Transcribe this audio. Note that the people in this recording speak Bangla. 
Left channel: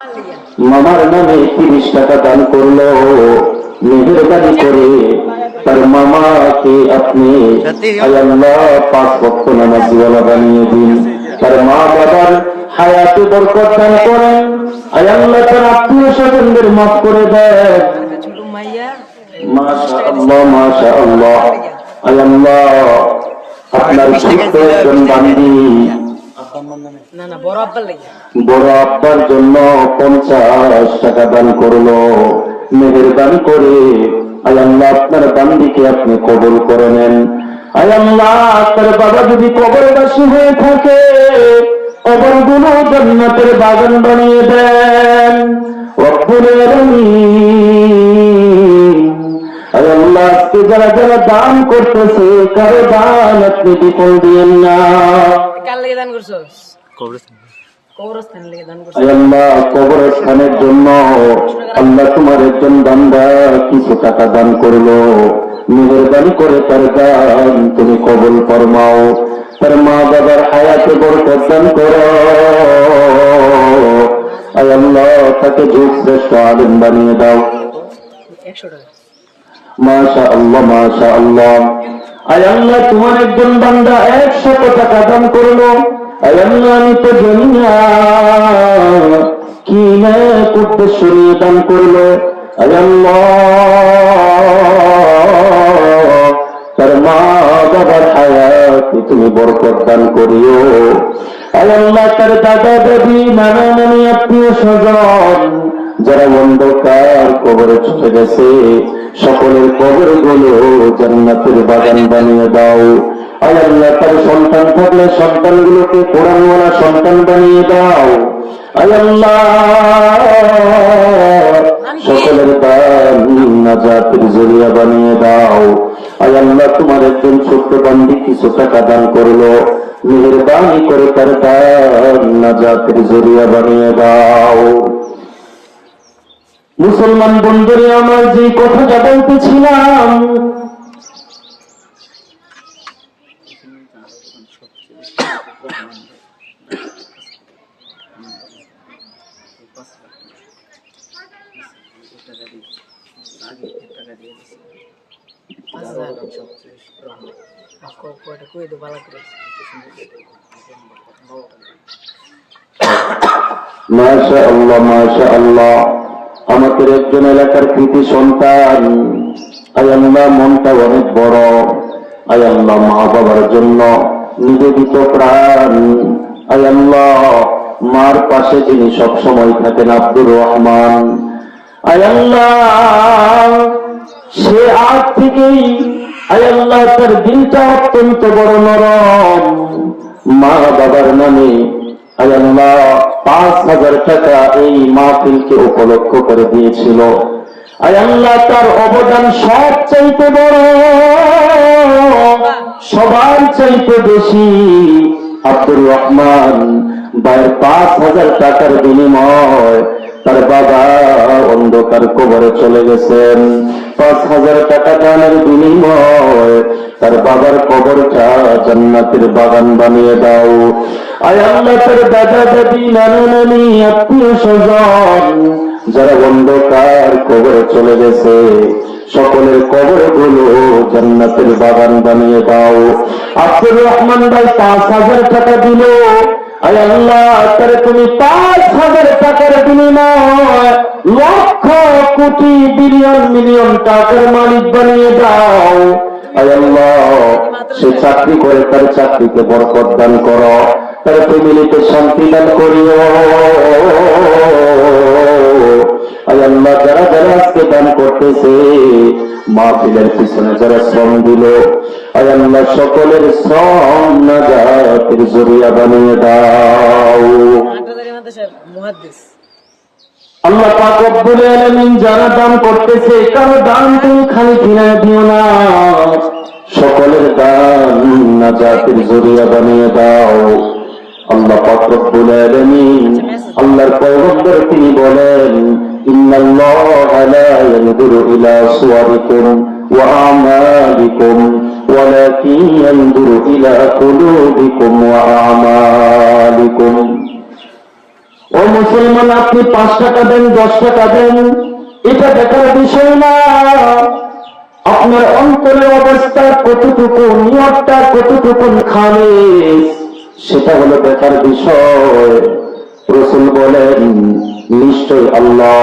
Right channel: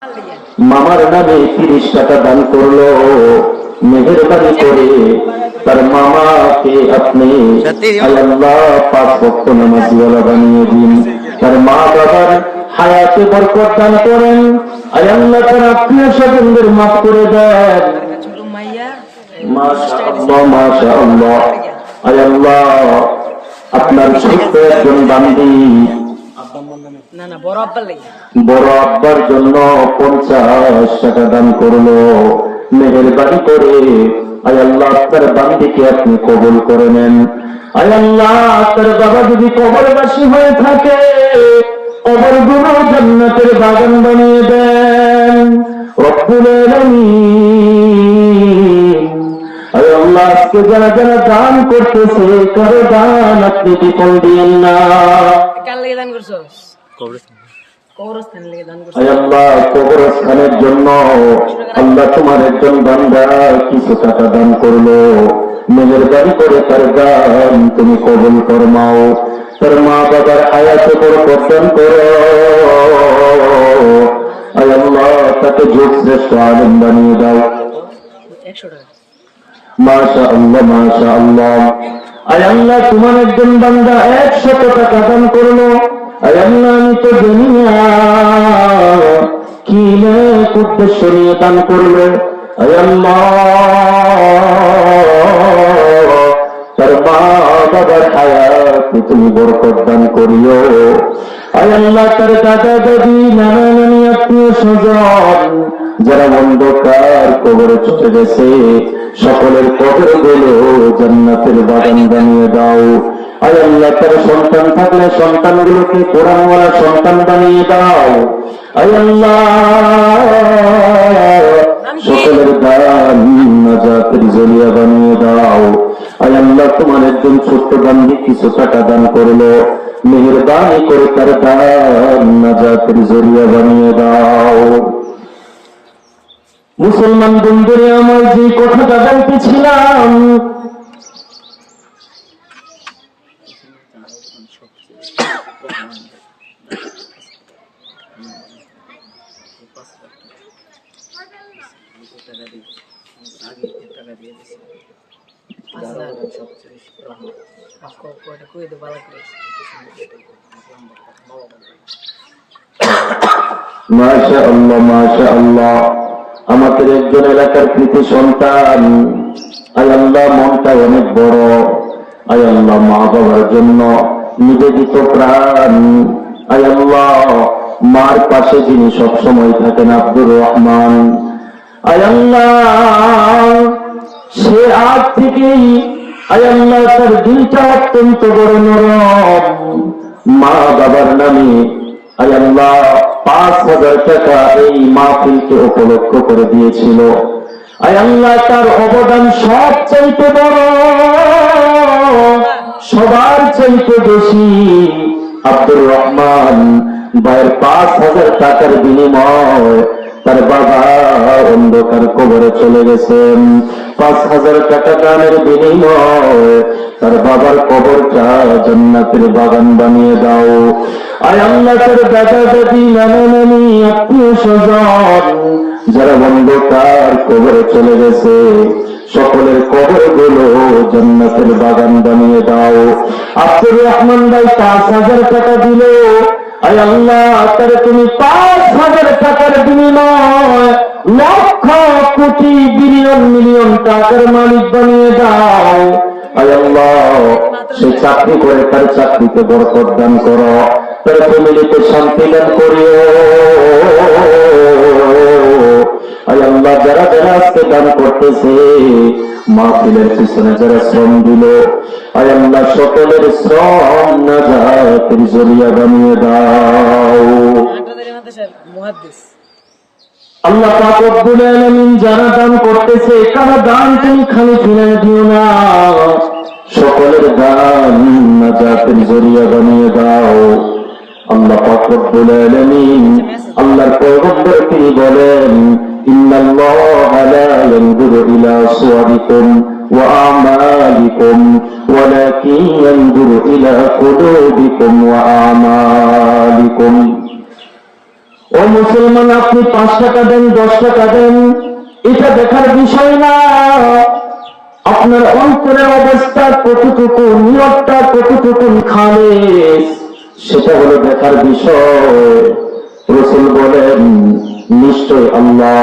মামার নামে 30 টাকা দান করলো, মেহেরবানি করে তার মামাকে আপনি আল্লাহ 5 ওয়াক্ত নামাজওয়ালা বানিয়ে দিন। তার মা বাবার হায়াতে বরকত দান করেন। আল্লাহ তার আত্মীয় স্বজনদের মাফ করে দেন। মাশাআল্লাহ মাশাআল্লাহ। আল্লাহ আপনার ছোট্ট একজন বান্দি বড় আব্বার জন্য 50 টাকা দান করলো, মেহেরবানি করে আল্লাহ আপনার বান্দিকে আপনি কবুল করে নেন। আল্লাহ তার বাবা যদি কবরবাসী হয়ে থাকে, কবরগুলো জান্নাতের বাগান বানিয়ে দেন রব্বুল আলামিন। আল্লাহ আজকে যারা যারা দান করতেছে, কারো দান আপনি বিফল দিয়েন না। আল্লাহ কবরস্থানের জন্য আল্লাহ তোমার একজন বান্দা কিছু টাকা দান করলো, মেহেরবানি করে তার দান তুমি কবুল ফরমাও। তার মা বাবার হায়াতে বরকত দান করো। আল্লাহ তাকে যুগ শ্রেষ্ঠ আলেম বানিয়ে দাও। মাশাআল্লাহ মাশাআল্লাহ। আল্লাহ তোমার একজন বান্দা 100 টাকা দান করলো। আল্লাহ আমি তো জানি না কি না উদ্দেশ্য নিয়ে দান করলো। আল্লাহ তার মা বাবার হায়াতে তুমি বরকত দান করিও। আল্লাহ তার দাদা দাদি নানা নানি আত্মীয় স্বজন যারা অন্ধকার কবরে চলে গেছে, সকলের কবর গুলো জান্নাতের বাগান বানিয়ে দাও। আল্লাহ তার সন্তান থাকলে সন্তানগুলোকে কোরআনওয়ালা সন্তান বানিয়ে দাও। আল্লাহ সকলের দান নাজাতের জরিয়া বানিয়ে দাও। আল্লাহ তোমার একজন ছোট্ট বান্দি কিছু টাকা দান করলো, মেহেরবানি করে তার দান নাজাতের জরিয়া বানিয়ে দাও। মুসলমান বন্ধুরে আমার যে কথাটা বলতেছিলাম, মাশাআল্লাহ মাশাআল্লাহ। আমাদের একজন এলাকার কৃতি সন্তান, আল্লাহ মনটা অনেক বড়। আল্লাহ মা বাবার জন্য নিবেদিত প্রাণ। আল্লাহ মার পাশে যিনি সবসময় থাকেন আব্দুর রহমান। আল্লাহ সে আজ থেকেই আল্লাহ তার দিলটা অত্যন্ত বড় নরম। মা বাবার নামে আল্লাহ 5,000 টাকা এই মাহফিলকে উপলক্ষ করে দিয়েছিল। আল্লাহ তার অবদান সব চাইতে বড়, সবার চাইতে বেশি। আব্দুর রহমান ভাইয়ের 5,000 টাকার বিনিময় তার বাবা অন্ধকার কবরে চলে গেছেন। 5,000 টাকা দানের বিনিময় তার বাবার কবরটা জান্নাতের বাগান বানিয়ে দাও। আল্লাহ তার দাদা দাদি নানা নানি আত্মীয় স্বজন যারা অন্ধকার কবরে চলে গেছে, সকলের কবর গুলো জান্নাতের বাগান বানিয়ে দাও। আব্দুর রহমান ভাই 5,000 টাকা দিল। আল্লাহ তার তুমি 5,000 টাকার বিনিময় লক্ষ কোটি বিলিয়ন মিলিয়ন টাকার মালিক বানিয়ে দাও। আল্লাহ সে চাকরি করে তার চাকরিতে বরকত দান করো, তার ফ্যামিলিতে শান্তি দান করিও। আল্লাহ যারা যারা আজকে দান করতেছে, মাহফিলের পিছনে যারা শ্রম দিল, আল্লাহ সকলের শ্রম নাজাতের জরিয়া বানিয়ে দাও। আল্লাহ পাক রব্বুল আলামিন যারা দান করতেছে, কারো দান তুমি খালি ফিরে দিও না, সকলের দান নাজাতের জরিয়া বানিয়ে দাও। আল্লাহ পাক রব্বুল আলামিন আল্লাহর পয়গম্বর তিনি বলেন, ইন্নাল্লাহা লা ইয়ানজুরু ইলা সুওয়ারিকুম ওয়া আমালিকুম ওয়ালাকিন ইয়ানজুরু ইলা কুলুবিকুম ওয়া আমালিকুম। ও ও মুসলমান, আপনি 5 টাকা দেন, 10 টাকা দেন, এটা দেখার বিষয় না। আপনার অন্তরের অবস্থা কতটুকু, নিয়তটা কতটুকু খালিস, সেটা হলো দেখার বিষয়। রাসূল বলেন, নিশ্চয় আল্লাহ